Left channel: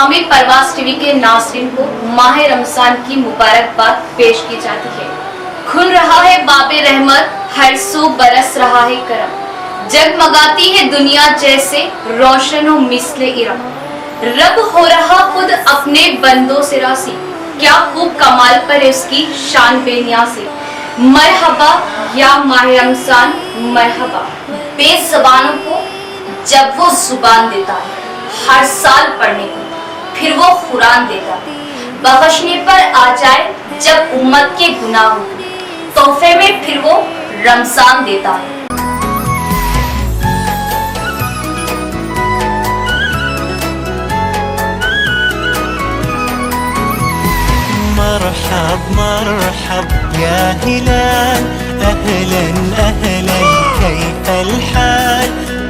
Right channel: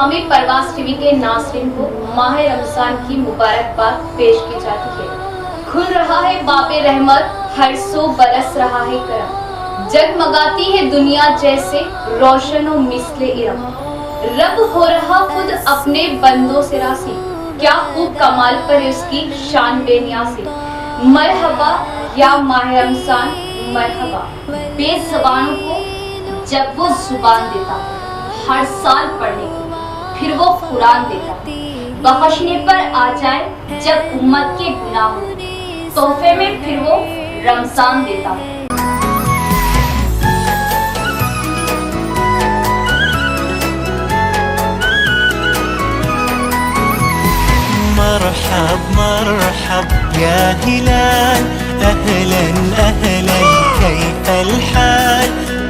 तमामी परवाज़ TV के नाज़रीन को माह रमजान की मुबारकबाद पेश की जाती है। खुल रहा है बाबे रहमत, हर सो बरस रहा है करम, जगमगाती है दुनिया जैसे रोशन व मिसले इरम। रब हो रहा खुद अपने बंदों से रासी, क्या खूब कमाल पर उसकी शान बेनियासी। मरहबा या माह रमजान मरहबा, बेज़बानों को जब वो जुबान देता है हर साल पढ़ने को, फिर वो कुरान देता है बख्शने पर आ जाए जब उम्मत के गुनाह हो, तोहफे में फिर वो रमजान देता है। मरहब मरहब या हिलाल, अहलन अहलन कैफल हाल,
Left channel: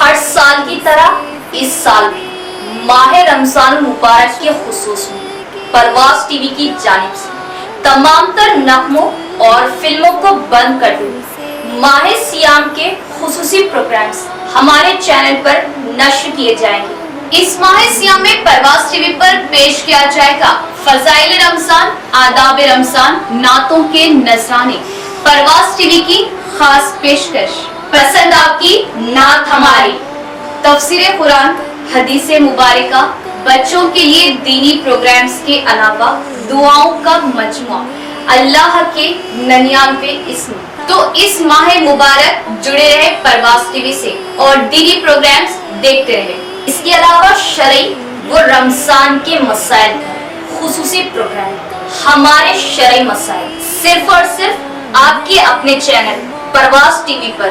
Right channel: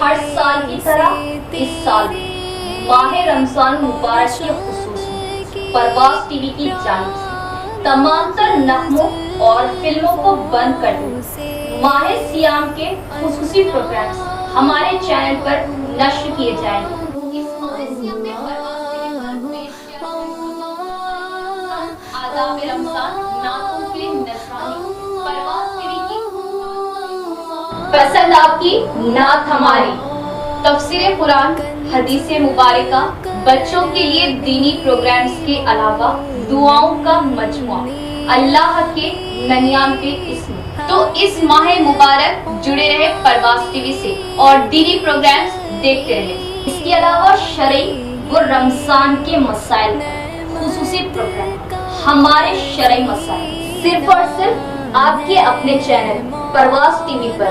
हर साल की तरह इस साल माह रमजान मुबारक के खुसूस परवाज़ टीवी की जानिब से तमाम तर नगमों और फिल्मों को बंद कर दो। माह सियाम के खुसूसी प्रोग्राम्स हमारे चैनल पर नश्र किए जाएंगे। इस माह सियाम में परवाज़ टीवी पर पेश किया जाएगा फज़ाइल रमजान, आदाब रमजान, नातों के नजराने। परवाज़ टीवी की खास पेशकश, पसंद आपकी नात हमारी, तफसीर कुरान, हदीसे मुबारका, बच्चों के लिए दीनी प्रोग्राम्स के अलावा दुआओं का मजमुआ, अल्लाह के 99 इस्म। तो इस माह मुबारक जुड़े रहे परवाज़ टीवी से और दीनी प्रोग्राम्स देखते रहे। इसके अलावा शरई व रमजान के मसाइल खुसूसी प्रोग्राम, हमारे शरई मसाइल सिर्फ और सिर्फ आपके अपने चैनल परवाज़ टीवी पर।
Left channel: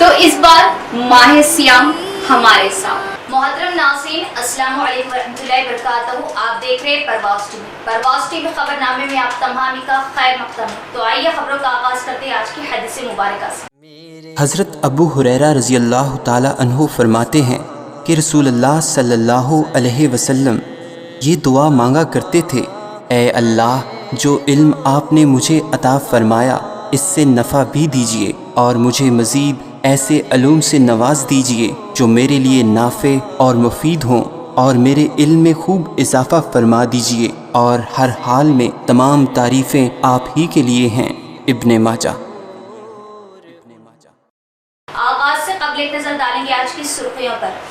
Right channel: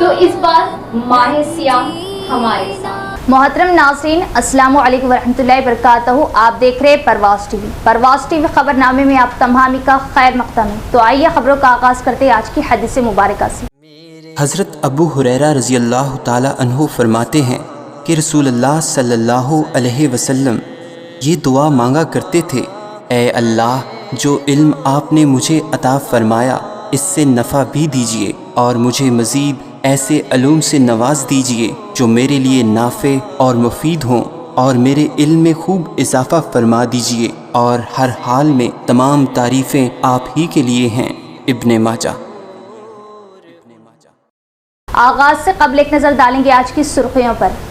तो इस बार माह सियाम हमारे साथ। मोहतरम नाज़रीन, अस्सलामु अलैकुम वरहमतुल्लाहि वबरकातुहू। आप देख रहे हैं परवाज़ टीवी। परवाज़ टीवी खबरनामे में आप तमामी का खैर मक़दम है। तो आइए खबरों का आगाज़ करते हैं आज की हदीस मुबारका से। हज़रत अबू हुरैरा रज़ी अल्लाह ताला अन्हु फरमाते हैं कि रसूलुल्लाह सल्लल्लाहु अलैहि वसल्लम ये दुआ मांगा करते थे, ए अल्लाह, जो इल्म आपने मुझे अता फरमाया इससे नफ़ा भी दीजिए और मुझे मज़ीद ऐसे अलूम से नवाज दीजिए जो मेरे लिए नाफ़े और मुफीद हों, और मेरे इल्म में खूब इजाफ़ा फरमा दीजिए, और हर हाल में तमाम तारीफ़ें आप ही के लिए हैं। इब्ने माजा। आगाज़ से कबल एक नज़र डालेंगे आज की सुर्खियों पर।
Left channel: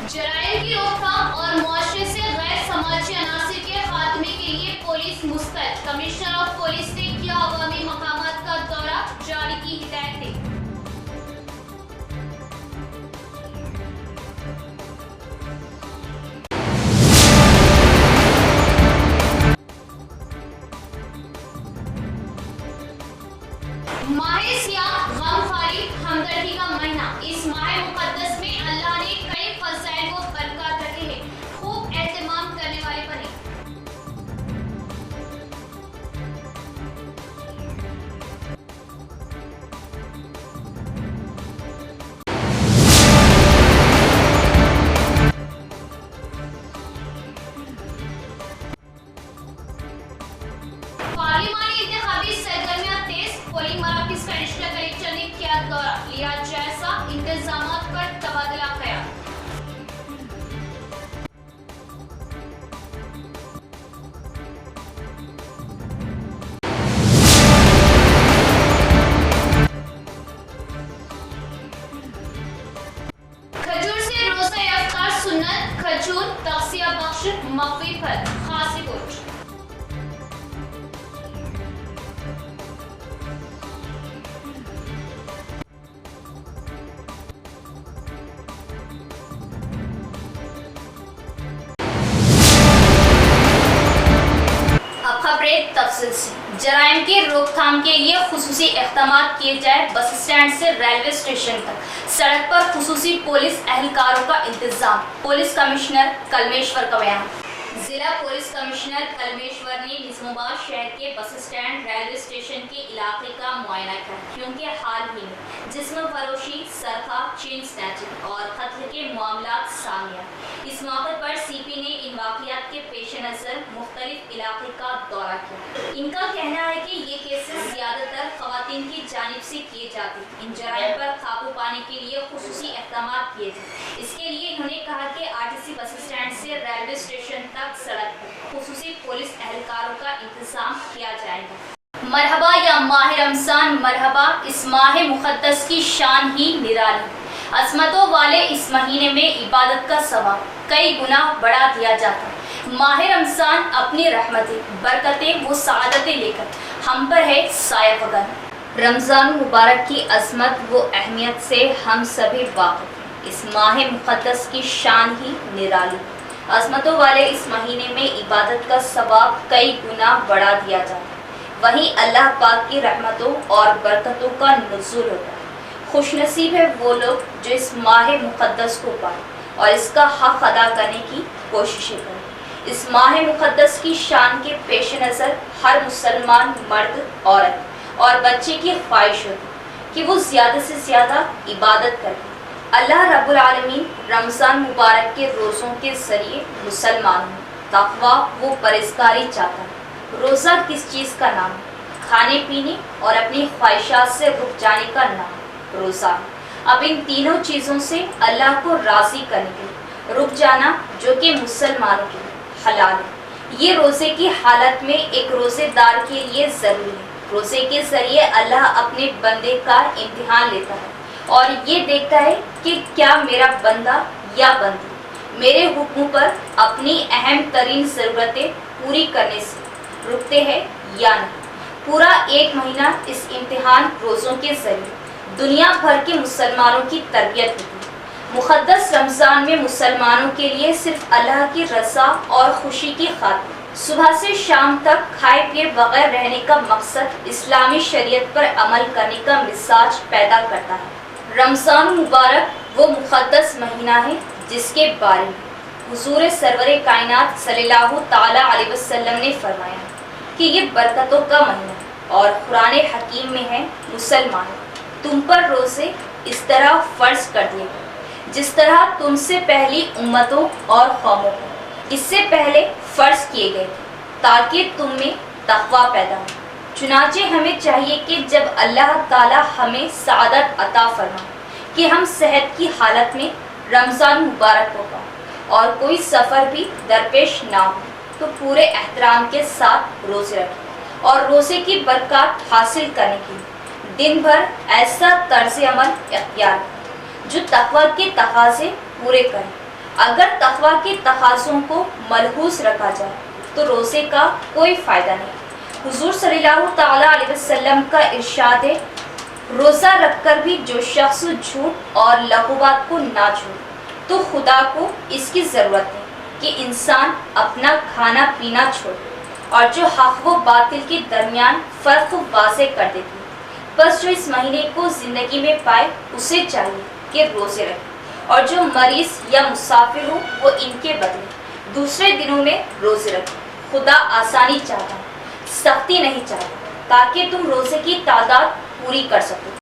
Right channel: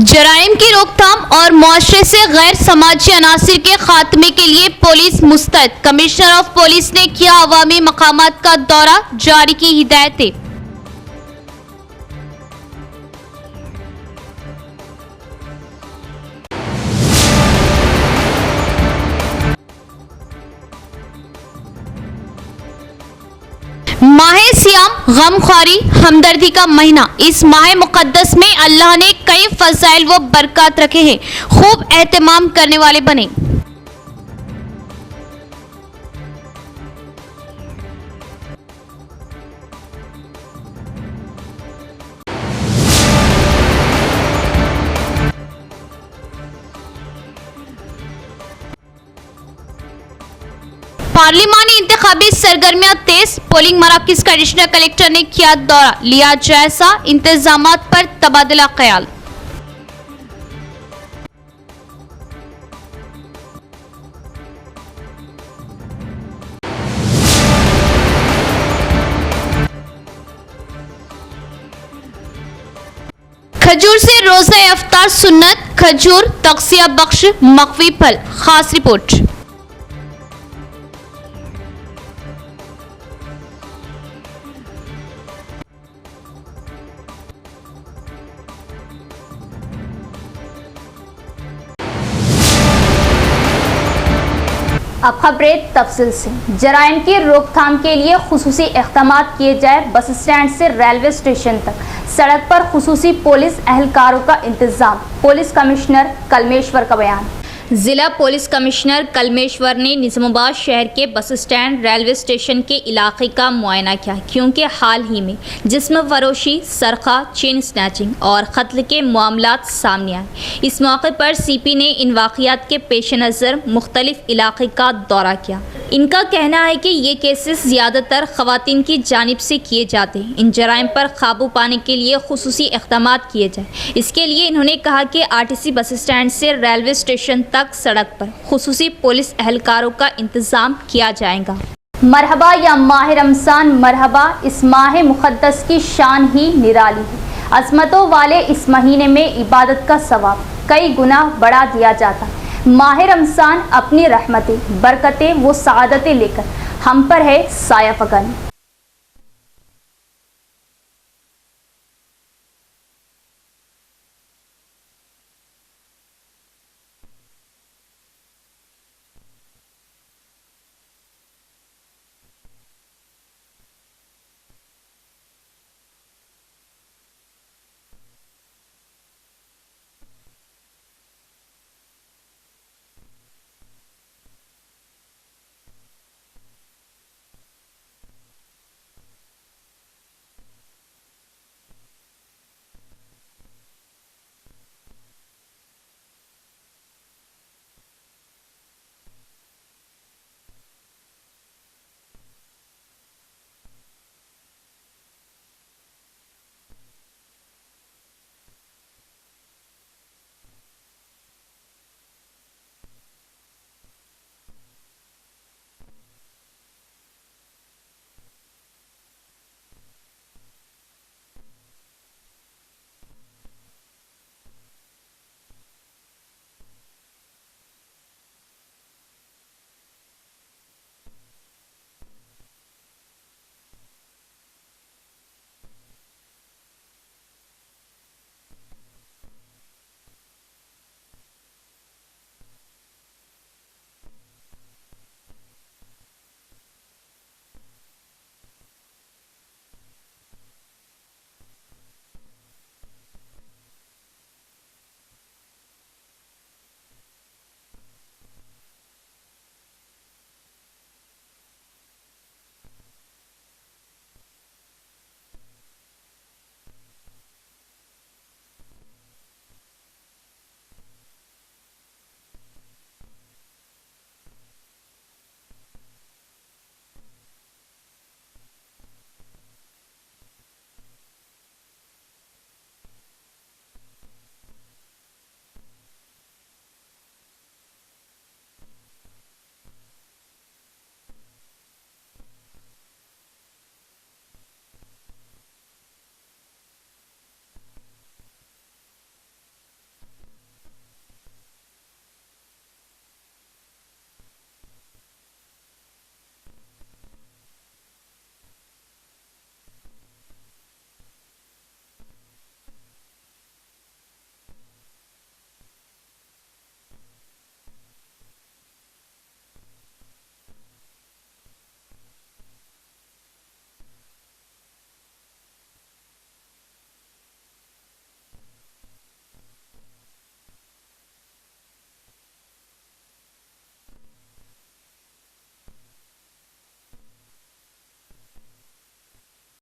जराइम की रोकथाम और मुआशरे से गैर समाजी अनासिर के खात्मे के लिए पुलिस मुस्तैद। कमिश्नर ऑफ पुलिस ने किया अवामी मकामात का दौरा, जारी की हिदायतें। माह सियाम गमख्वारी हमदर्दी का महीना। इस माह मुकद्दस में अल्लाह ने कई फज़ाइल व बरकत रखे हैं, खूब एहतमाम करने वाले बने। पार्लिमानी इंतखाबी सरगर्मियां तेज। पोलिंग मराकज़ का एडिशनल कलेक्टर ने किया दौरा, लिया जायजा, इंतजामात पर तबादला ख्याल। खजूर से रोज़ा इफ्तार सुन्नत, खजूर तक़सिया बख्श मक़वी फल। खास रिपोर्ट। अब खबरें तफसील से। जराइम की रोकथाम के लिए खुसूसी इक़दामात किए जाए। बस स्टैंड से रेलवे स्टेशन तक सड़क पर खुसूसी पुलिस एहलकारों का इंतजाम। पुलिस कमिश्नर कलमेश्वर का बयान। जिला पुलिस कमिश्नर कलमेश्वर ने निजामाबाद शहर के बस स्टैंड रेलवे स्टेशन के इलाके का मुआयना किया, क्योंकि हाल ही में जिस्म फरोशी, सरखा, चेन स्नैचिंग और कत्ल के मामलात सामने आए। इस मौके पर सीपी ने इन वाक़यात के पेश नज़र मुख्तलिफ इलाके का दौरा किया। इनका कहना है कि ये केसेस ज़्यादातर ख़वातीन की जानिब से किए जाते हैं। इन जराइम पर काबू पाने के लिए खुसूसी इक़दाम किए जाए। इसके लिए इन्होंने कहा कि आरटीसी बस स्टैंड से रेलवे स्टेशन तक सड़क पर खुसूसी पुलिस एहलकारों का इंतजाम किया जाएगा। मरहबा या माह रमज़ान मरहबा, इस माह मुक़द्दस की शान ही निराली है। अज़मतों वाले इस महीने में इबादत का सवाब कई गुना बढ़ा दिया जाता। माह रमज़ान अपनी रहमतें, बरकतें व सआदतें लेकर हम पर है साया फगन। रमज़ान मुबारक की अज़मत व अहमियत से हम सभी वाक़िफ़। इस माह मुक़द्दस की शान ही निराली। अज़मतों वाले इस महीने में इबादत का सवाब कई गुना बढ़ा दिया जाता। वहीं अल्लाह पाक की रहमतों और बरकतों का नुज़ूल होता है। खुशनसीब है वो लोग जो इस माह मुक़द्दस को पाएं और इसका हक़ अदा करने की कोशिशें करें। इस माह मुक़द्दस की शान के पेश नज़र हर मुसलमान मर्द, औरत और बच्चे की ख्वाहिश होती कि वो ज़्यादा से ज़्यादा इबादत करें। अल्लाह रब्बुल आलमीन रमज़ान मुबारक के रोज़ों के ज़रिए मुसलमानों में तक़वा व परहेज़गारी चाहता है। रोज़ा किस चीज़ का नाम है? खाने पीने और अपनी ख्वाहिशात से रुक जाने का नाम रोज़ा। अब इन तीनों चीज़ों से अल्लाह को राज़ी करने के लिए रुक जाना, जो कि मुसलमानों के लिए हलाल है, ये रोज़े की हालत में एक रोज़ेदार के लिए ज़रूरी है। रोज़े के ज़रिए अल्लाह अपने बंदे का इम्तिहान लेता है और ये देखता है कि क्या मेरा बंदा या बंदी मेरे हुक्म पर अपनी अहम तरीन ज़रूरतें पूरी करने से रुकते हैं या नहीं। पूरा एक महीना इस इम्तिहान रोज़ों के ज़रिए दुनिया भर के मुसलमानों की तरबियत होती है। मुक़द्दस रमज़ान में मुसलमानों के लिए सिर्फ अल्लाह की रज़ा और खुशी की खातिर सुबह से शाम तक खाए पिए बगैर रहने का मकसद इस्लामी शरीयत पर अमल करने का मिजाज पैदा करता है। रमज़ान मुबारक वो मुक़द्दस महीना है जिसके बारे में हुज़ूर सरवर कायनात सल्लल्लाहु ताला अलैहि वसल्लम ने फरमाया कि ये बरकतों का महीना है और कुरान हकीम में है, मुसलमानों, तुम पर रोज़े इस तरह फ़र्ज़ कर दिए गए जिस तरह तुमसे पहली उम्मतों और कौमों को इससे पहले फ़र्ज़ किए गए थे, ताकि तुम में तक़वा पैदा हो। चुनाचे हमें चाहिए कि जब अल्लाह ताला हमें सआदत अता फरमाए कि हम सेहत की हालत में रमज़ान मुबारक को पाएं और कोई सफ़र भी दरपेश ना हो, तो पूरे एहतराम के साथ रोज़े रखें और रोज़े की बरकत हासिल करने के लिए दिन भर ऐसा तर्ज़ अमल इख्तियार करें जो तक़वा के तकाज़े पूरे करें। अगर तक़वा के तकाज़ों को मलहूज़ रखा जाए तो रोज़े का कोई फ़ायदा नहीं। हुज़ूर सल्लल्लाहु ताला अलैहि वसल्लम का इरशाद है, रोज़ा रखकर भी जो शख्स झूठ और लग़ुबात को ना छोड़े तो खुदा को इसकी ज़रूरत है कि इंसान अपना खाना पीना छोड़े और जो हक़ व बातिल के दरमियान फ़र्क वाज़ेह कर देती है। बस जो इस महीने को ज़िंदगी में पाए उसे चाहिए कि रोज़े रखें और जो मरीज़ या मुसाफिर हो वो इनके बदले दूसरे दिनों में रोज़े रखें। खुदा आसानी चाहता है, सख्ती नहीं चाहता, ताकि तुम रोज़े की तादाद पूरी कर सको।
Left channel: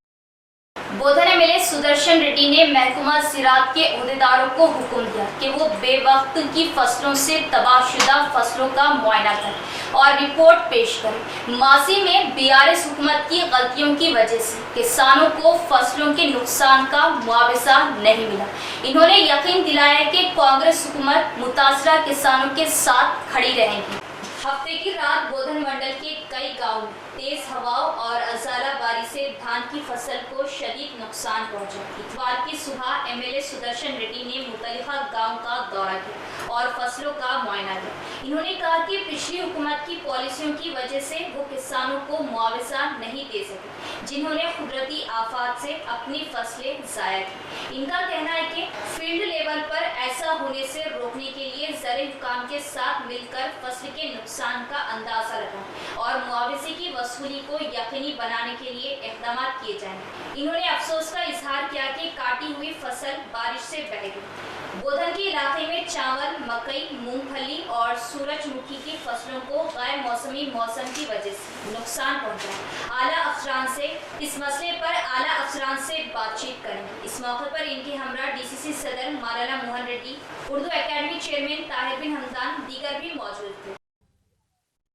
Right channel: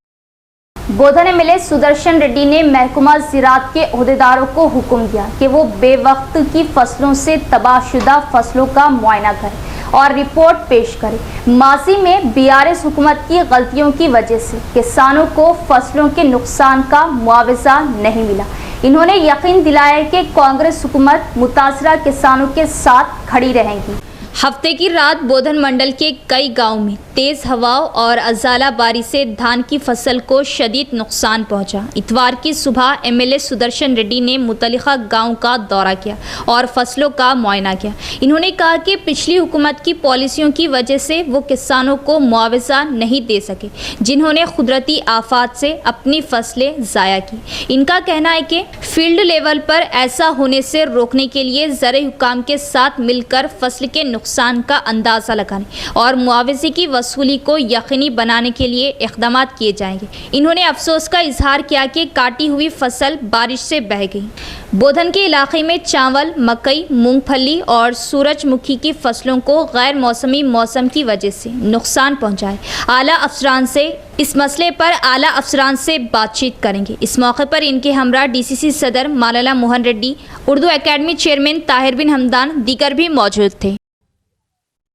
बोधन एमएलए सुदर्शन रेड्डी ने महकमा ज़राअत के ओहदेदारों को हुक्म दिया कि वो बेवक्त की फसलों से तबाहशुदा फसलों का मुआयना करें और रिपोर्ट पेश करें। माजी में बीआरएस हुकूमत की गलतियों की वजह से किसानों को फसलों के नुकसान का मुआवजा नहीं मिला। इन्होंने यकीन दिलाया कि कांग्रेस हुकूमत मुतासरा किसानों के साथ खड़ी रहेगी। हफ्ते की रात बोधन मंडल के कई गांवों में तेज़ हवाओं और अज़ाला बारी से धान की फसल को शदीद नुकसान पहुंचा। इतवार की सुबह एमएलए सुदर्शन रेड्डी ने मुतल्लिक़ा गांव का दौरा किया और फसलों का मुआयना किया। इन्होंने कहा कि पिछली हुकूमत की पॉलिसियों की वजह से वो किसानों को मुआवजा नहीं दे सके, जिन्होंने कुदरती आफात से अपनी फसलें ज़ाया की। इनका कहना है कि फील्ड लेवल पर ऐसा होने से रोकने के लिए ज़राई हुकाम के साथ मिलकर फसल के नुकसान का अंदाज़ा लगाने और मुआवजे की वसूली को यकीनी बनाने के लिए इक़दाम किए जाएंगे। इन्होंने अफसोस का इजहार किया कि काटी हुई फसल बारिश से बह गई। बोधन के इलाके में चावल, मकई, मूंगफली और सूरजमुखी की फसलों को गैर मौसमी मौसम की वजह से नुकसान पहुंचा है। इस मसले पर आला अफसरान से बातचीत करेंगे। इस मौके पर इनके हमरा डीसीसी सदर मालाला मोहन रेड्डी, उर्दू एकेडमी चेयरमैन ताहिर बिन हमदान दीगर भी मौजूद थे।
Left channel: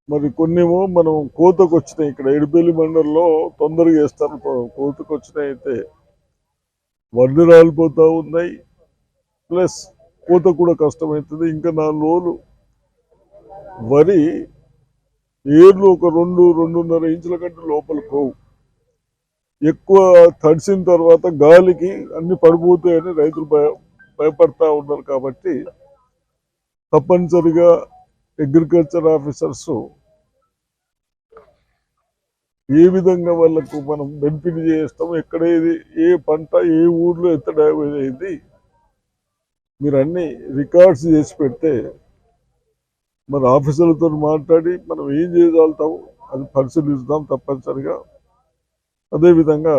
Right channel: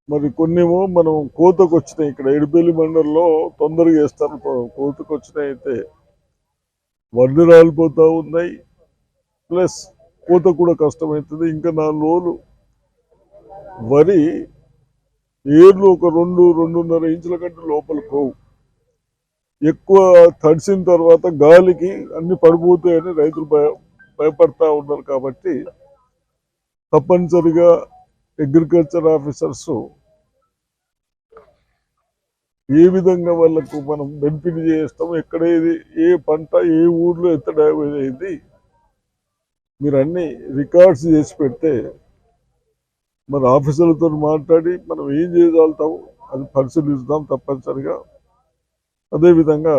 మరి కొన్నేమో మనం కోతకు వచ్చినాయి, ఇక్కడ ఎడిపల్లి మండలంలో తొందరగా వేస్తారు, కోతకు వచ్చినాయి అయితే వడ్లు రాలిపోతూ ఉన్నాయి, ప్లస్ కోత కూడా కష్టమవుతుంది. ఇంకా 4 రోజులు వరి ఏర్లు ఒక 2-2.5 ఇంచుల కంటే లోపలికి పోవు. ఎక్కువ తడిసిన తర్వాత గాలికి అన్ని పడిపోతాయని రైతులు భయపడతా ఉన్నారు. కాబట్టి తప్పనిసరిగా అగ్రికల్చర్ ఆఫీసర్స్ ఏ విధంగా వాళ్ళకు మనం బెనిఫిట్ చేస్తాము, ఎక్కడ ఏ పంట ఏ ఊర్లో ఎంత డ్యామేజ్ అయింది మీరు అన్ని రికార్డ్స్ చేసి పెడితే మన ఆఫీసర్లతో మాట్లాడి మనం ఏం చేయగలుగుతాము అది పరిశీలిస్తాం తప్పనిసరిగా. అదేవిధంగా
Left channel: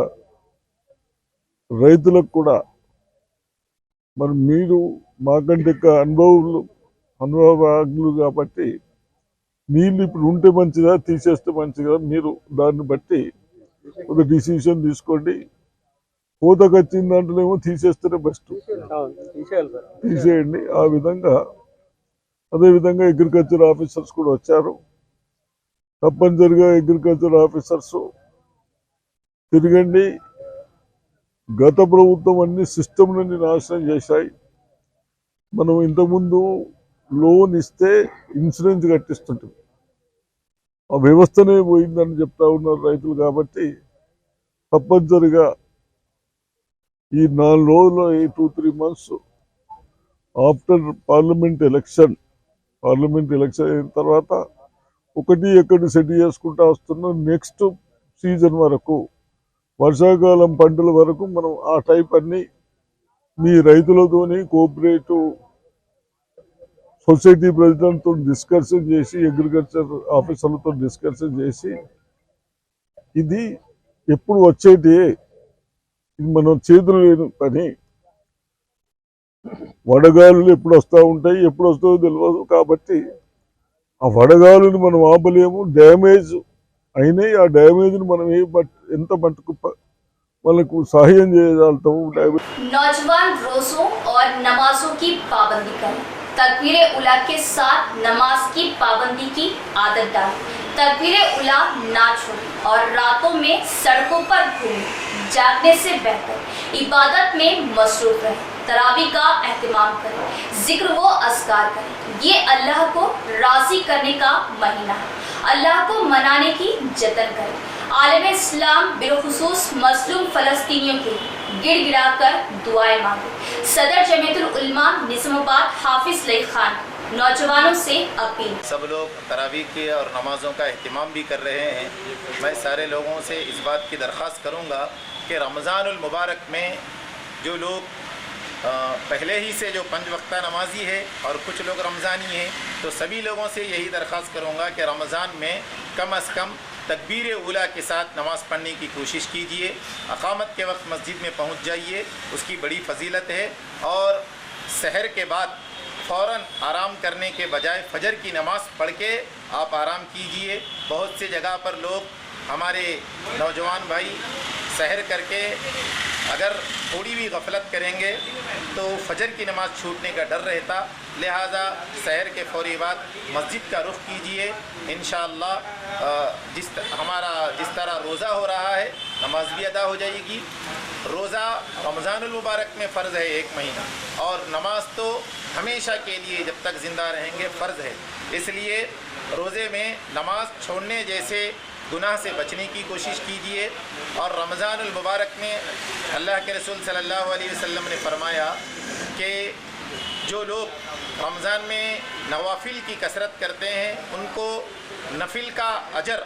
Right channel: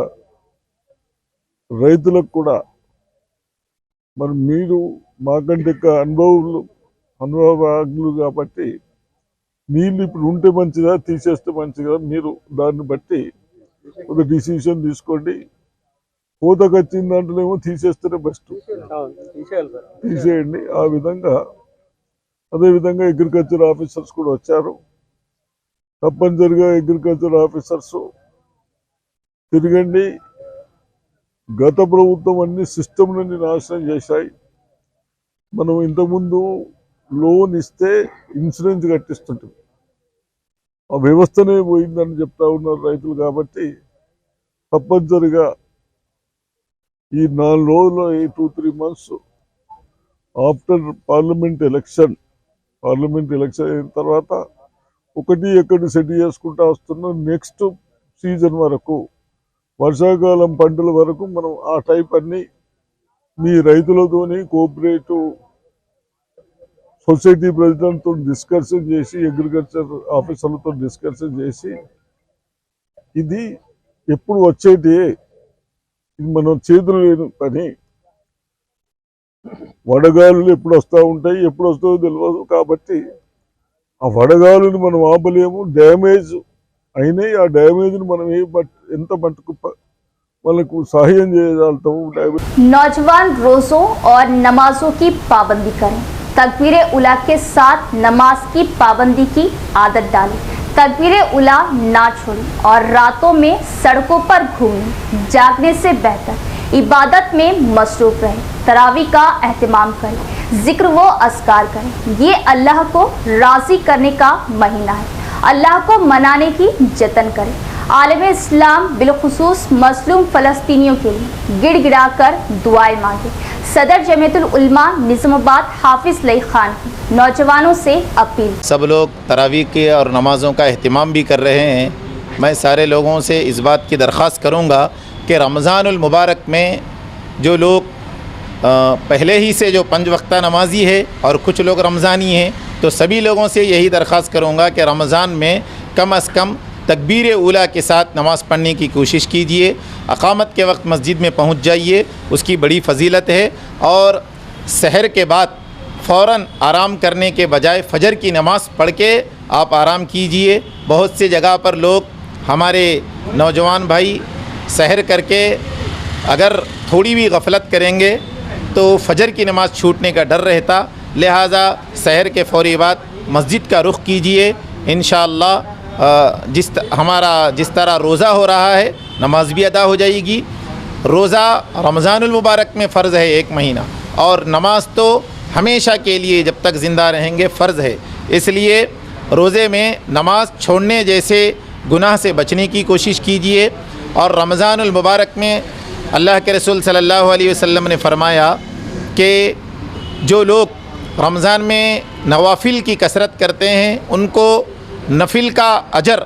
రైతులకు కూడా మరి మీరు మాకంటే ఎక్కువ అనుభవజ్ఞులు కాబట్టి నీళ్ళు ఇప్పుడు ఉంటే మంచిదా తీసేస్తే మంచిదా, మీరు దాన్ని బట్టి ఒక డిసిషన్ తీసుకోండి. కోతకు వచ్చిన దాంట్లోనేమో తీసేస్తేనే బెస్ట్, తీసేయండి. ఆ విధంగా అదేవిధంగా అగ్రికల్చర్ ఆఫీసర్స్ కూడా వచ్చారు. తప్పనిసరిగా అగ్రికల్చర్ ఆఫీసర్స్ తిరగండి. గత ప్రభుత్వం అన్ని సిస్టమ్లని నాశనం చేశాయి. మనం ఇంతకుముందు లోన్ ఇస్తే ఇన్సూరెన్స్ కట్టిస్తుంటాం, ఆ వ్యవస్థనే పోయిందని చెప్తా ఉన్నారు రైతులు. కాబట్టి తప్పనిసరిగా ఈ 4 రోజుల్లో 2-3 months ఆఫ్టర్ పార్లమెంట్ ఎలక్షన్ అయిన తర్వాత ఒకటి సెట్ చేసుకుంటా వస్తున్నాం. నెక్స్ట్ సీజన్ వరకు, వర్షాకాలం పంటల వరకు మనం ఆ టైప్ అన్ని మీ రైతులతోని కోఆపరేటివ్ సొసైటీ ప్రెసిడెంట్తో డిస్కషన్ చేసి, అగ్రికల్చర్ ఆఫీసర్లతో డిస్కషన్ చేసి, ఇది ఎప్పుడు వచ్చేటి, ఇది మనం చేతులు లేని పని. వడగాలులు ఎప్పుడు వస్తూ ఉంటాయి, ఎప్పుడు వస్తాయో తెలియదు. కాబట్టి ఆ వడగాలుని మనం ఆపలేము. డ్యామేజ్ అయినాయి, ఆ డ్యామేజ్ని మనం ఎంత మట్టుకు వాళ్ళకు సహాయం చేయగలుగుతాము. नौजवान रोज़ों और नमाजों की पाबंदी करें। तकबीर उला के साथ नमाज की पाबंदी की आदत डालें। तकबीर उला ना छोड़ें और रातों में सड़कों पर घूमें। जागने से बेहतर इबादत में मसरूफ रहें। तरावी का एहतमाम करें, जिक्र व अस्कार करें। ये अल्लाह को राज़ी करने का महीना है। अल्लाह को मनाने की जतन करें। आलम इस्लाम बिलखुसूस मजलूम फ़लस्तीनियों के लिए गिड़गिड़ाकर दुआएं मांगे। सदर जमीयतुल उलमा निज़ामाबाद हाफिज़ लई खान की नौजवानों से अपील। सब लोग तरावी के और नमाज़ों का अहतमाम भी कर रहे हैं। मैं सारे लोगों से इस बात की दरख्वास्त करूँगा कि रमज़ानुल मुबारक में जो लोग पहले ही से जो 5 वक्ता नमाजी है और कुछ लोग रमज़ानी हैं, तो सभी लोगों से यही दरख्वास्त करूँगा कि रमज़ान में कम अज़ कम तकबीर उला के साथ नमाज़ पढ़ने की कोशिश कीजिए। अक़ामत के वक्त मस्जिद में पहुँच जाइए, उसकी बड़ी फ़जीलत है। और सहर के बाद फ़ौरन आराम करने के बजाय फ़जर की नमाज़ पढ़ के आप आराम कीजिए। बहुत से जगह पर लोग हमारे नौजवान भाई सहर करके अगर थोड़ी भी गफलत करेंगे तो फ़जर की नमाज़ छूटने का डर रहता। लिहाजा सहर के फ़ौरी बाद मस्जिद का रुख कीजिए। इंशाअल्लाह जिस तरह रोज़ा हो रहा है नमाज भी अदा हो जाएगी। रोज़ा रमज़ानुल मुबारक में फ़र्ज़ है 1 महीना, और नमाज तो हमेशा के लिए जब तक ज़िंदा रहेंगे फ़र्ज़ है। इसलिए रोज़े में नमाज छोड़ने जैसे गुनाह से बचने की कोशिश कीजिए। और रमज़ानुल मुबारक में अल्लाह के रसूल सल्लल्लाहु अलैहि वसल्लम ने फ़रमाया कि जो लोग रमज़ान में नवाफिल की कसरत करते हैं उनको नफिल का अजर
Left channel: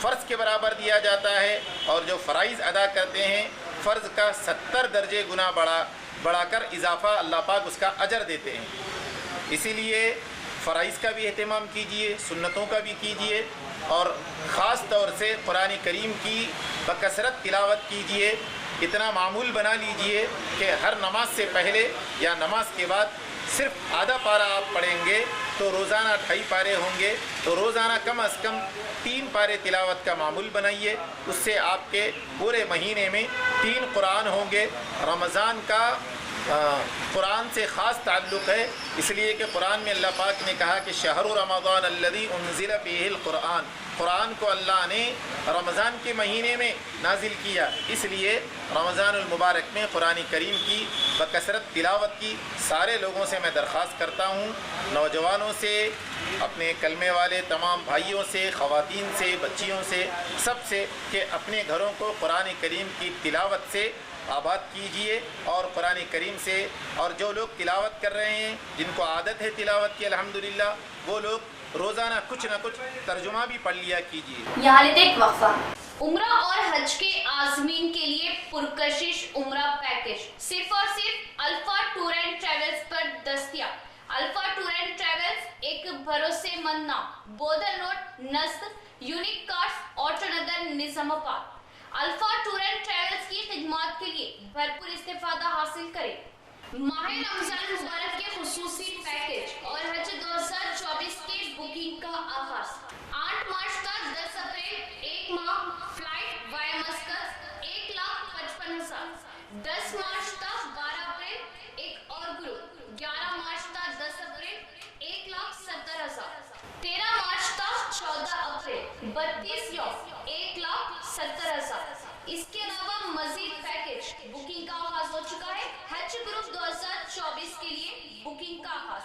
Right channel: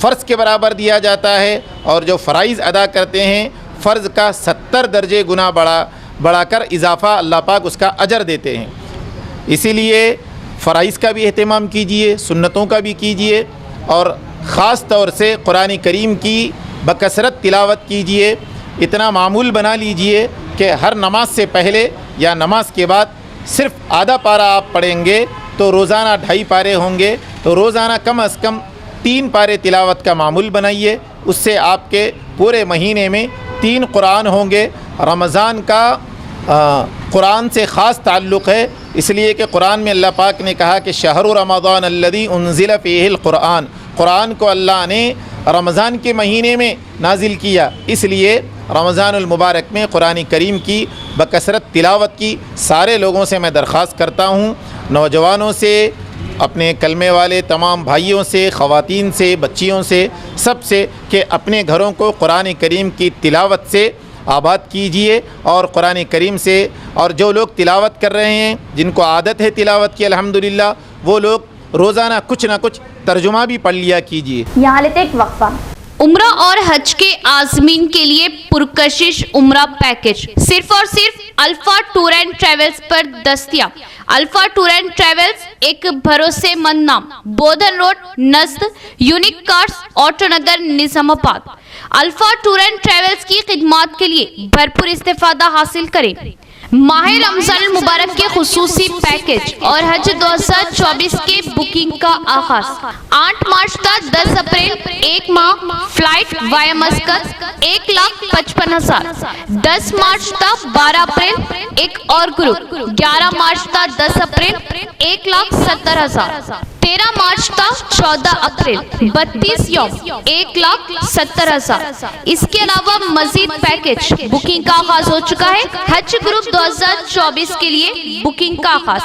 फ़र्ज़ के बराबर दिया जाता है, और जो फ़राइज़ अदा करते हैं फ़र्ज़ का 70 दर्जे गुना बढ़ाकर इजाफ़ा अल्लाह पाक उसका अजर देते हैं। इसीलिए फ़राइज़ का भी अहतमाम कीजिए, सुन्नतों का भी कीजिए, और ख़ास तौर से कुरान करीम की बकसरत तिलावत कीजिए। इतना मामूल बना लीजिए कि हर नमाज से पहले या नमाज के बाद सिर्फ आधा पारा आप पढ़ेंगे तो रोज़ाना 2.5 पारे होंगे, तो रोज़ाना कम अज़ कम 3 पारे तिलावत का मामूल बनाइए। उससे आपके पूरे महीने में 3 कुरान होंगे। रमज़ान का कुरान से ख़ास ताल्लुक़ है, इसलिए कि कुरान में अल्लाह पाक ने कहा कि शहरु रमज़ान अल्लज़ी उन्ज़िल फ़ीहिल कुरान, कुरान को अल्लाह ने रमज़ान के महीने में नाजिल किया, इसलिए रमज़ानुल मुबारक में कुरान करीम की बकसरत तिलावत की सारे लोगों से मैं दरख्वास्त करता हूँ, नौजवानों से, अपने कलमे वाले तमाम भाइयों से, ख़वातीन से, बच्चियों से, सब से, कि अपने घरों को कुरान करीम की तिलावत से आबाद कीजिए। और कुरान करीम से, और जो लोग तिलावत कर रहे हैं, जिनको आदत है तिलावत की अल्हम्दुलिल्लाह, वो लोग रोज़ाना कुछ ना कुछ तर्जुमा भी पढ़ लिया कीजिए। यहाँ लेते एक वक्फा। उम्रा और हज के आज़मीन के लिए पुरकशिश उम्रा पैकेज सिर्फ और सिर्फ अल्फा टूर एंड ट्रेवल्स पर दस्तयाब। अल्फा टूर एंड ट्रेवल्स एक भरोसेमंद नाम, बोधन रोड, नज़द, unique cars, auto Nagar, Nizamabad. Alpha tour and travels की खिदमात के लिए भरपूर इस्तेफादा हासिल करें। माह रमज़ान मुबारक के खुसूसी पैकेज और हज 2024 के बुकिंग का आगाज 8 मार्च तक 10 अप्रैल, 1 माह, फ्लाइट वाया मस्कत 1,55,000। 10 मार्च तक 12 अप्रैल एक और ग्रुप, 11 मार्च तक 10 अप्रैल 1,70,000। 13 मार्च तक 14 अप्रैल 32 यौम 1,70,000। इसके अलावा मजीद पैकेज बुकिंग का आगाज हो चुका है। हज ग्रुप 2024 के लिए बुकिंग का आगाज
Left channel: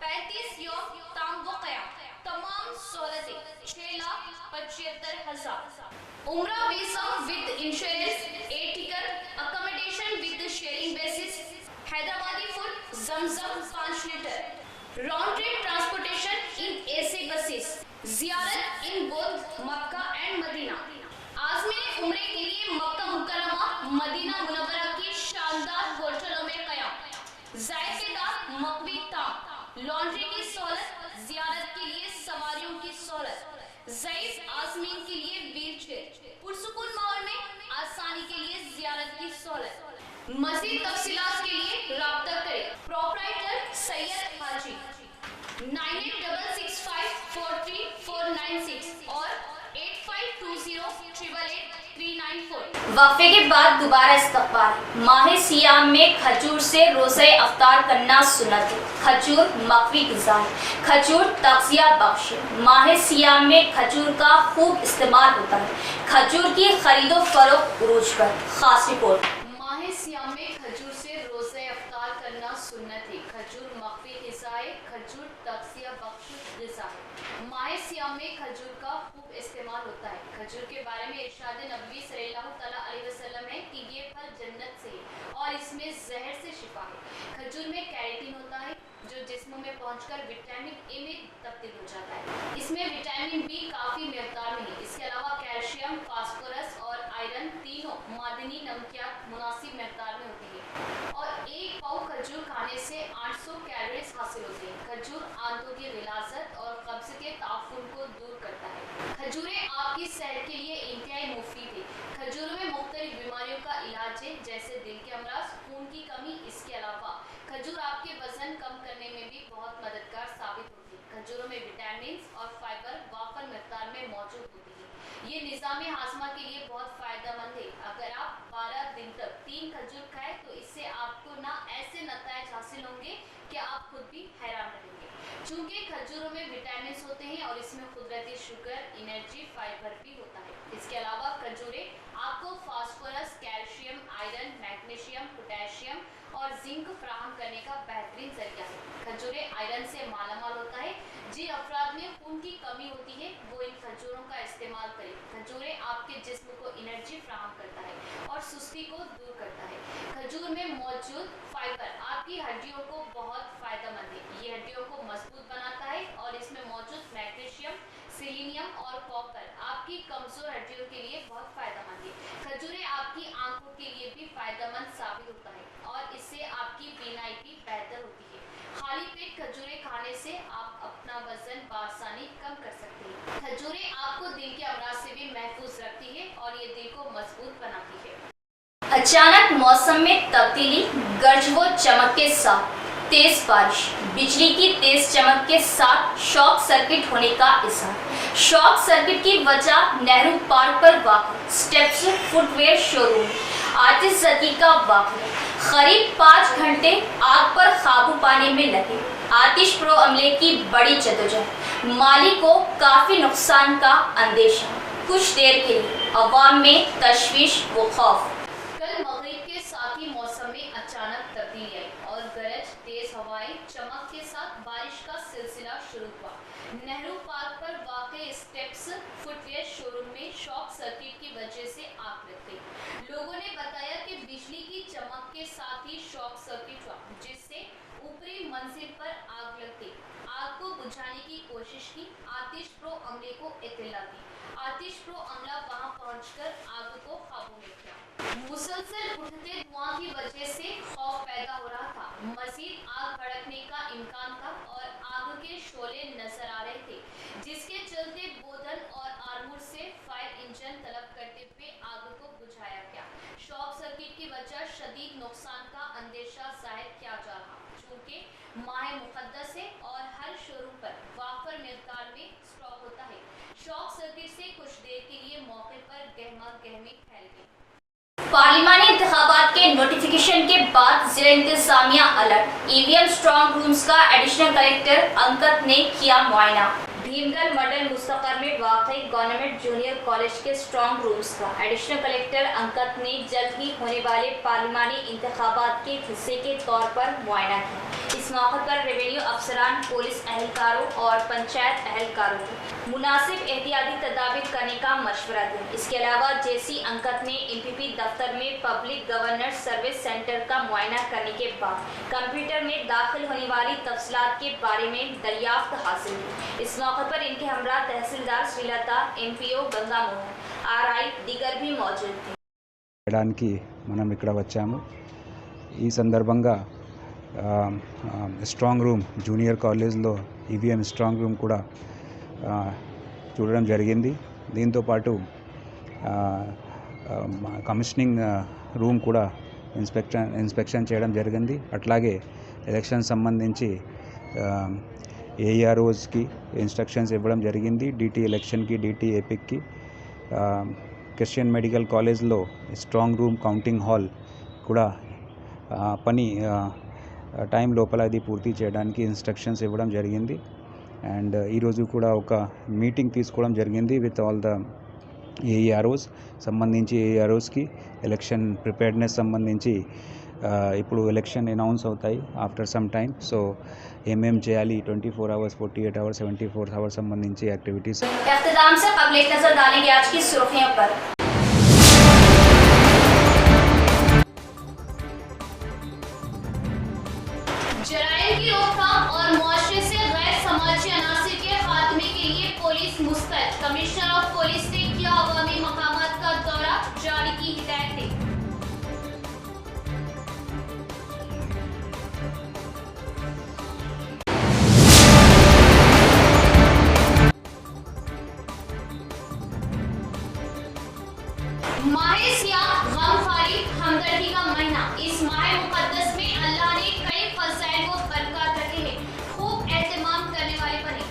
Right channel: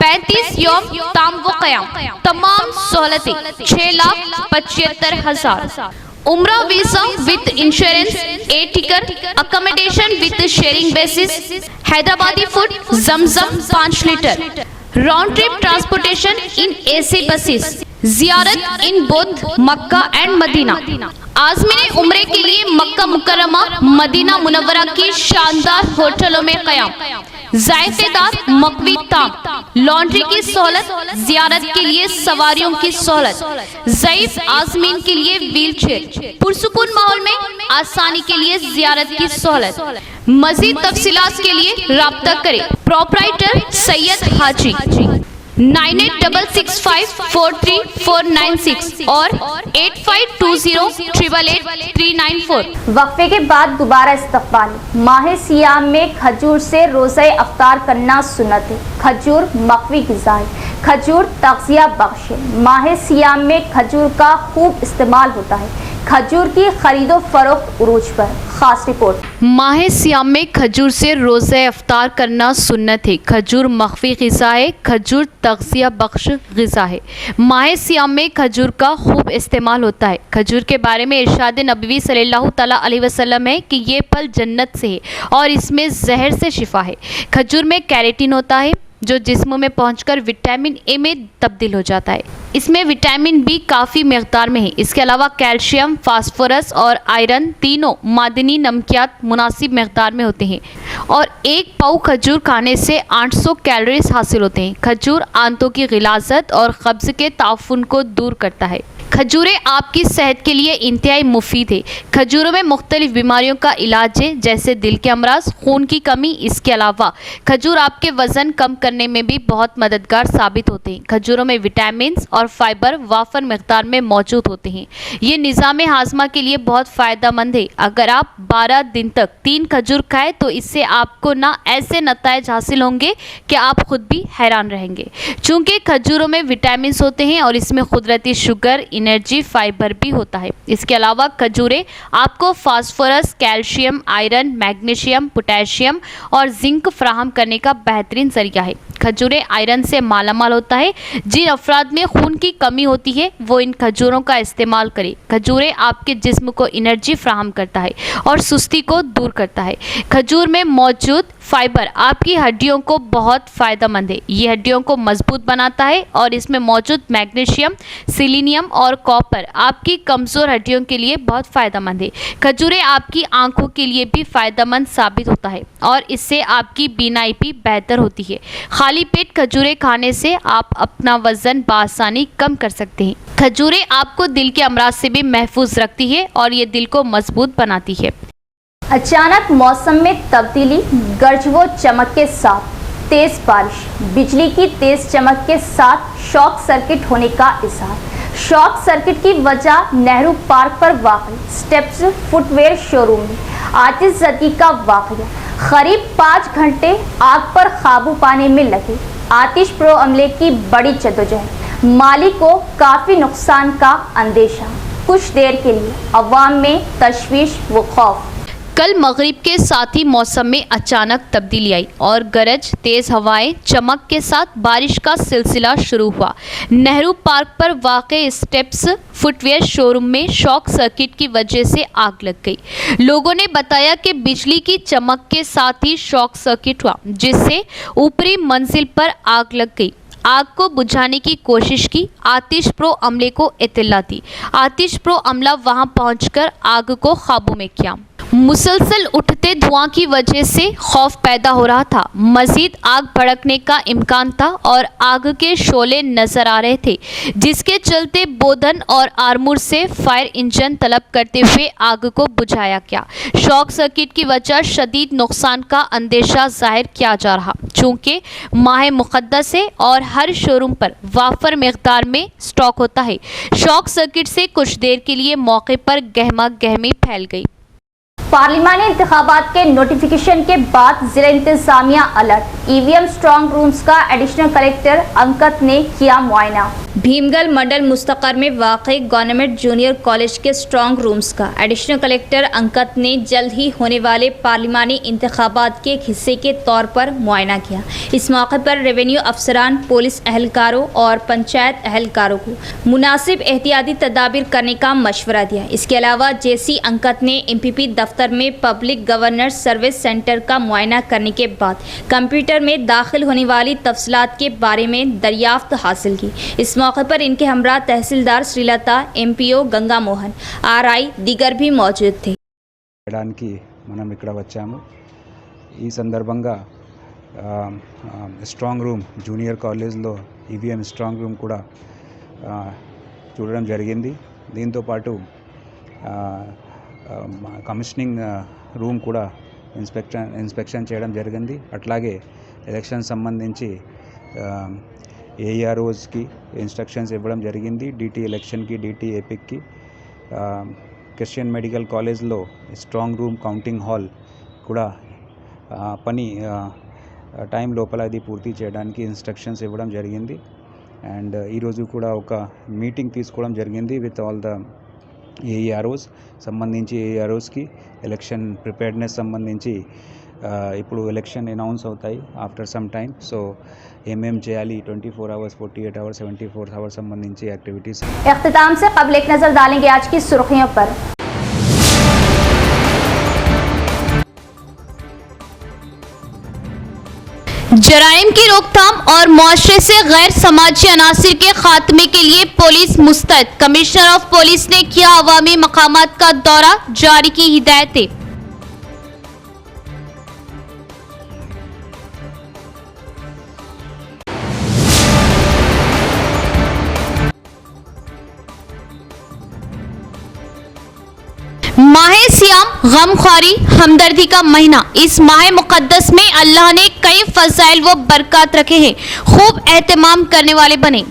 35 यौम ताम व क़याम, तमाम सहूलतें 6,75,000। उम्रा visa with insurance, a ticket, accommodation with sharing basis, Hyderabadi food, जमजम 5 litre, round trip transportation in AC buses, जियारत in both Mecca and Medina. आज़मीन उम्रे के लिए मक्का मुकर्रमा, मदीना मुनव्वरा की शानदार होटलों में क़याम, ज़ायदेदार मकवी ताम, लॉन्ड्री की सहूलत, जियारत के लिए सवारियों की सहूलत, ज़ईफ आज़मीन के लिए व्हील चेयर, पुरसुकून माहौल में आसानी के लिए जियारत की सहूलत। मज़ीद तफसीलात के लिए राब्ता करें प्रोपराइटर सैयद हाजी 9866543496 और 8520888394। वक्फे के बाद दोबारा इस्तकबाल। माह सियाम में खजूर से रोज़े अफ्तार करना सुन्नत है। खजूर मकवी ग़िज़ा है, खजूर तग़ज़िया बख्श है। माह सियाम में खजूर का खूब इस्तेमाल होता है। खजूर की खरीदो फरोख्त उरूज पर। खास रिपोर्ट। माह सियाम में खजूर से रोज़े अफ्तार करना सुन्नत है। खजूर मख्फी ग़िज़ा है, खजूर तग़ज़िया बख्श ग़िज़ा है। माह सियाम में खजूर का खूब इस्तेमाल होता है। खजूर के बारे में इरशाद नबवी सल्लल्लाहु तआला अलैहि वसल्लम है कि ये फल जन्नत से है और इसमें जहर से शिफा है। खजूर में कैरेटिन होता है जो जिस्म में पहुंचकर विटामिन ए में तब्दील हो जाता है। इसमें विटामिन बी काफ़ी मकदार में है। इसके अलावा कैल्शियम, फास्फोरस और आयरन तीनों मादनी नमकियात मुनासिब मकदार में होते हैं और एक पाव खजूर खाने से 800 कैलोरीज हासिल होते हैं। खजूर आंतों की गिलाज़त और कब्ज़ के ताफुन को दूर करता है। खजूरें आपकी सेहत के लिए इंतहाई मुफीद है। खजूरों में मुख्तलिफ बीमारियों का इलाज है जैसे दिल के अमराज, खून की कमी। इसके अलावा खजूर आपके वज़न कम करने में भी बहुत मददगार साबित होते हैं। खजूरों में विटामिन और फाइबर वाफर मकदार में मौजूद होते हैं। ये निज़ाम हाजमा के लिए बहुत फ़ायदेमंद है। अगर आप 12 दिन तक 3 खजूर खाएँ तो इससे आपको ना ऐसे नताइज हासिल होंगे कि आप खुद भी हैरान रहेंगे। चूँकि खजूरों में विटामिन होते हैं और इसमें कुदरती शुगर, एनर्जी, फाइबर भी होता है। इसके अलावा खजूरें आपको phosphorus, calcium, iron, magnesium, potassium और जिंक फराहम करने का बेहतरीन जरिया है। खजूरें आयरन से मालामाल होता है। जिन अफराद में खून की कमी होती है वो इन खजूरों का इस्तेमाल करें। खजूरें आपके जिस्म को एनर्जी फराहम करता है और सुस्ती को दूर करता है। खजूर में मौजूद फाइबर आपकी हड्डियों को बहुत फायदेमंद है। ये हड्डियों को मजबूत बनाता है और इसमें मौजूद मैग्नीशियम, सिलीनियम और कॉपर आपकी कमज़ोर हड्डियों के लिए बहुत फायदेमंद है। खजूरें आपकी आंखों के लिए भी फायदेमंद साबित होता है और इससे आपकी बीनाई भी बेहतर होती है। खाली पेट खजूरें खाने से आप अपना वजन बआसानी कम कर सकते हैं। खजूरें आपको दिल के अमराज से भी महफूज रखती है और ये दिल को मजबूत बनाती है। अचानक मौसम में तब्दीली, गरज व चमक के साथ तेज बारिश, बिजली की तेज चमक के साथ शॉक सर्किट होने का इज़हार। शॉक सर्किट की वजह नेहरू पार्क पर वाक़ स्टेप्स फुटवेयर शोरूम में आतिशज़दी का वाक़या। करीब 5 घंटे आग पर काबू पाने में लगे आतिश प्रो अमले की बड़ी जद्दोजहद, माली को काफ़ी नुकसान का अंदेशा। कुछ देर के लिए अवाम में तशवीश व खौफ। कल मगरिब के साथ ही मौसम में अचानक तब्दीली आई और गरज, तेज़ हवाएं, चमक के साथ बारिश का सिलसिला शुरू हुआ। नेहरू पार्क पर वाक़े स्टेप्स फुटवेयर शोरूम में शॉक सर्किट की वजह से आग लग गई। लोगों ने बताया कि बिजली की चमक के साथ ही शॉक सर्किट हुआ, जिससे ऊपरी मंजिल पर आग लग गई। आग को बुझाने की कोशिश की। आतिश प्रो अमले को इत्तला दी। आतिश प्रो अमला वहां पहुंचकर आग को काबू में किया। मुसलसल उठते धुआं की वजह से खौफ पैदा हो रहा था। मज़ीद आग भड़कने का इम्कान था और आग के शोले नजर आ रहे थे, जिसके चलते बोधन और आरमूर से फायर इंजन तलब करते हुए आग को बुझाया गया। शॉक सर्किट की वजह शदीद नुकसान का अंदेशा जाहिर किया जा रहा, चूँकि माह मुक़द्दस है और हर शोरूम पर वाफर मिक़दार में स्टॉक होता है। शॉक सर्किट से कुछ देर के लिए मौके पर गहमा गहमी फैल गई। पार्लिमानी इंतखाबात के नोटिफिकेशन के बाद जिला इंतजामिया अलर्ट। ईवीएम स्ट्रॉन्ग रूम्स का एडिशनल कलेक्टर अंकत ने किया मुआयना। भीमगल मंडल मुस्तकर में वाक़ई गवर्नमेंट जूनियर कॉलेज के स्ट्रॉन्ग रूम्स का एडिशनल कलेक्टर अंकत ने जल्द ही होने वाले पार्लिमानी इंतखाबात के एक हिस्से के तौर पर मुआयना किया। इस मौके पर रेवेन्यू अफसरान, पुलिस एहलकारों और पंचायत एहलकारों को मुनासिब एहतियाती तदाबीर करने का मशवरा दिया। इसके अलावा जेसी अंकत ने MPP दफ्तर में पब्लिक गवर्नेंस सर्विस सेंटर का मुआयना करने के बाद कंप्यूटर में दाखिल होने वाली तफसीलात के बारे में दरियाफ्त हासिल की। इस मौके पर इनके हमरा तहसीलदार श्रीलता, MPO गंगा मोहन, RI दीगर भी मौजूद थे। చేయడానికి మనం ఇక్కడ వచ్చాము। ఈ సందర్భంగా స్ట్రాంగ్ రూమ్ జూనియర్ కాలేజ్లో EVM స్ట్రాంగ్ రూమ్ కూడా చూడడం జరిగింది। దీంతో పాటు కమిషనింగ్ రూమ్ కూడా ఇన్స్పెక్షన్ చేయడం జరిగింది। అట్లాగే ఎలక్షన్ సంబంధించి AEROస్కి ఇన్స్ట్రక్షన్స్ ఇవ్వడం జరిగింది। DT ఎలక్షన్కి, DT ఎపిక్కి। క్రిస్టియన్ మెడికల్ కాలేజ్లో స్ట్రాంగ్ రూమ్, కౌంటింగ్ హాల్ కూడా పని టైం లోపల అది పూర్తి చేయడానికి ఇన్స్ట్రక్షన్స్ ఇవ్వడం జరిగింది। అండ్ ఈరోజు కూడా ఒక మీటింగ్ తీసుకోవడం జరిగింది విత్ ఆల్ ద AEROస్ సంబంధించి AEROస్కి ఎలక్షన్ ప్రిపేర్డ్నెస్ సంబంధించి ఇప్పుడు ఎలక్షన్ అనౌన్స్ అవుతాయి ఆఫ్టర్ సమ్ టైమ్। సో ఏమేం చేయాలి 24 అవర్స్, 48 అవర్స్, 74 అవర్స్ సంబంధించి యాక్టివిటీస్। इख्तिताम से कबल एक नज़र डालेंगे आज की सुर्खियों पर। जराइम की रोकथाम और मुआशरे से गैर समाजी अनासिर के खात्मे के लिए पुलिस मुस्तैद। कमिश्नर ऑफ पुलिस ने किया अवामी मकामात का दौरा, जारी की हिदायतें। माह सियाम, गमख्वारी, हमदर्दी का महीना। इस माह मुकद्दस में अल्लाह ने कई फजाइल व बरकत रखे हैं। खूब एहतमाम करने वाले बने।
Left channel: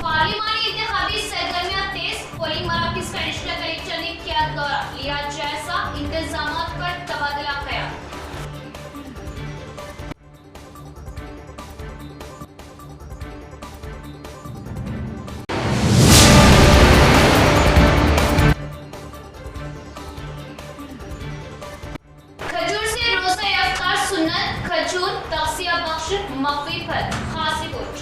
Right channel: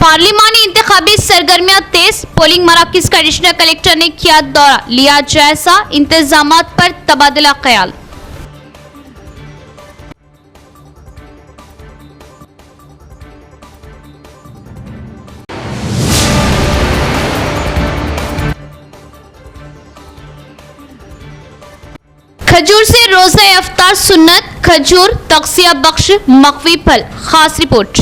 पार्लिमानी इंतखाबी सरगर्मियां तेज। पोलिंग मराकज का एडिशनल कलेक्टर ने किया दौरा, लिया जायजा, इंतजामात पर तबादला ख्याल। खजूर से रोज़ा इफ्तार सुन्नत, खजूर तक़सिया बख्श मक़वी फल। खास रिपोर्ट।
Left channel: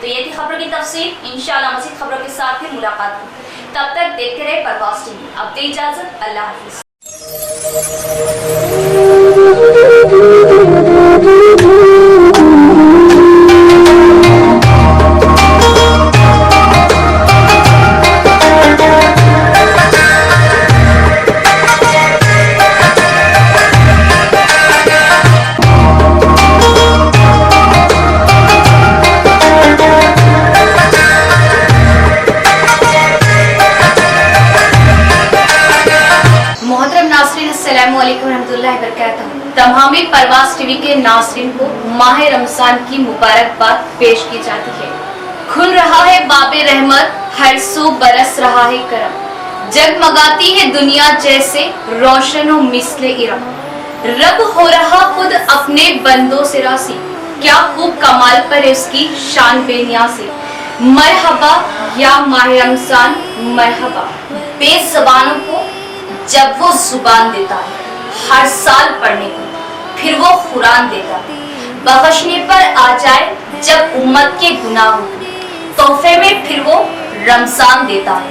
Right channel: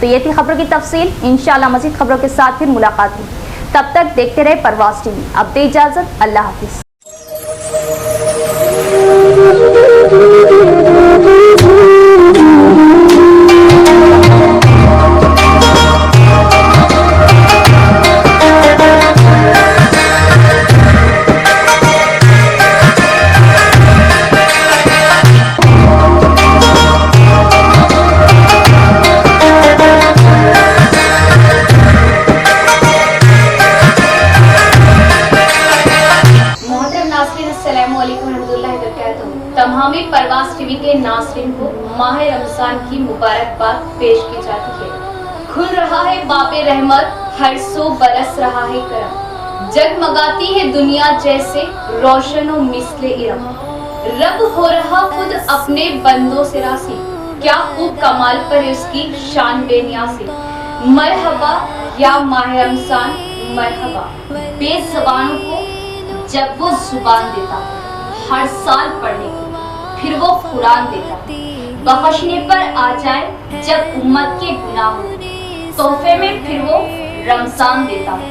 तो ये थी खबरों की तफसील। इंशाअल्लाह मज़ीद खबरों के साथ फिर मुलाकात होगी। तब तक देखते रहे परवाज़ टीवी। अब दे इजाज़त, अल्लाह हाफिज़। तमाम परवाज़ टीवी के नाज़रीन को माह रमज़ान की मुबारकबाद पेश की जाती है। खुल रहा है बाबे रहमत, हर सू बरस रहा है करम, जगमगाती है दुनिया जैसे रोशन व मिस्ले इरम। रब हो रहा खुद अपने बंदों से रासी, क्या खूब कमाल पर उसकी शान बेनियाज़ी। मरहबा या माह रमज़ान मरहबा, बेज़बानों को जब वो जुबान देता है हर साल पढ़ने को, फिर वो कुरान देता है बख्शने पर आ जाए जब उम्मत के गुनाह हो, तोहफे में फिर वो रमजान देता है।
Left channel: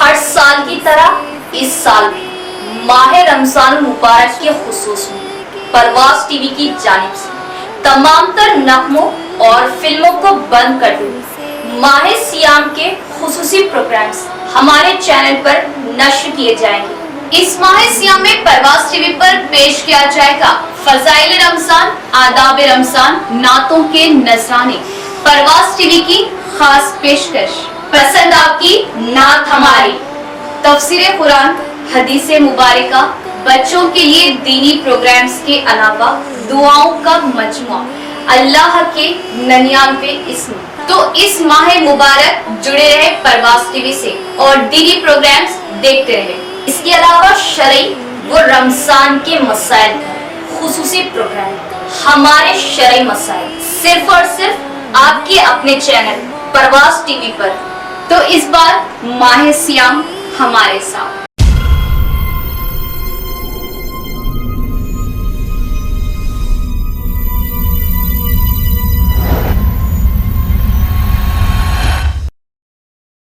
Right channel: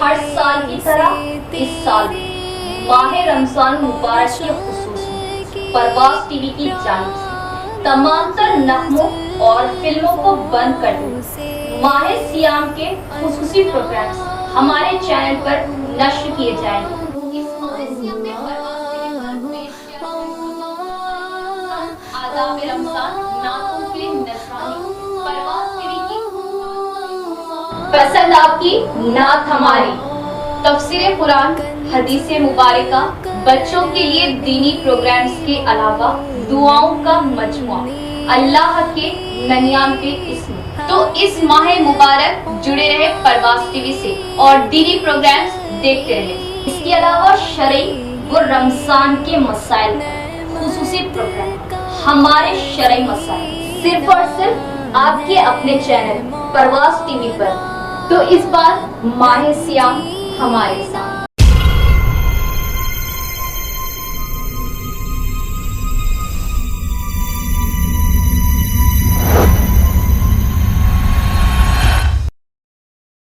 हर साल की तरह इस साल भी माह रमजान मुबारक के खुसूस परवाज़ टीवी की जानिब से तमाम तर नगमों और फिल्मों को बंद कर दो। माह सियाम के खुसूसी प्रोग्राम्स हमारे चैनल पर नश्र किए जाएंगे। इस माह सियाम में परवाज़ टीवी पर पेश किया जाएगा फज़ाइल रमजान, आदाब रमजान, नातों के नजराने। परवाज़ टीवी की खास पेशकश, पसंद आपकी नात हमारी, तफसीर कुरान, हदीसे मुबारका, बच्चों के लिए दीनी प्रोग्राम्स के अलावा दुआओं का मजमुआ, अल्लाह के 99 इस्म। तो इस माह मुबारक जुड़े रहे परवाज़ टीवी से और दीनी प्रोग्राम्स देखते रहे। इसके अलावा शरई व रमजान के मसाइल खुसूसी प्रोग्राम, हमारे शरई मसाइल सिर्फ और सिर्फ आपके अपने चैनल परवाज़ टीवी पर। तो इस बार माह सियाम हमारे साथ।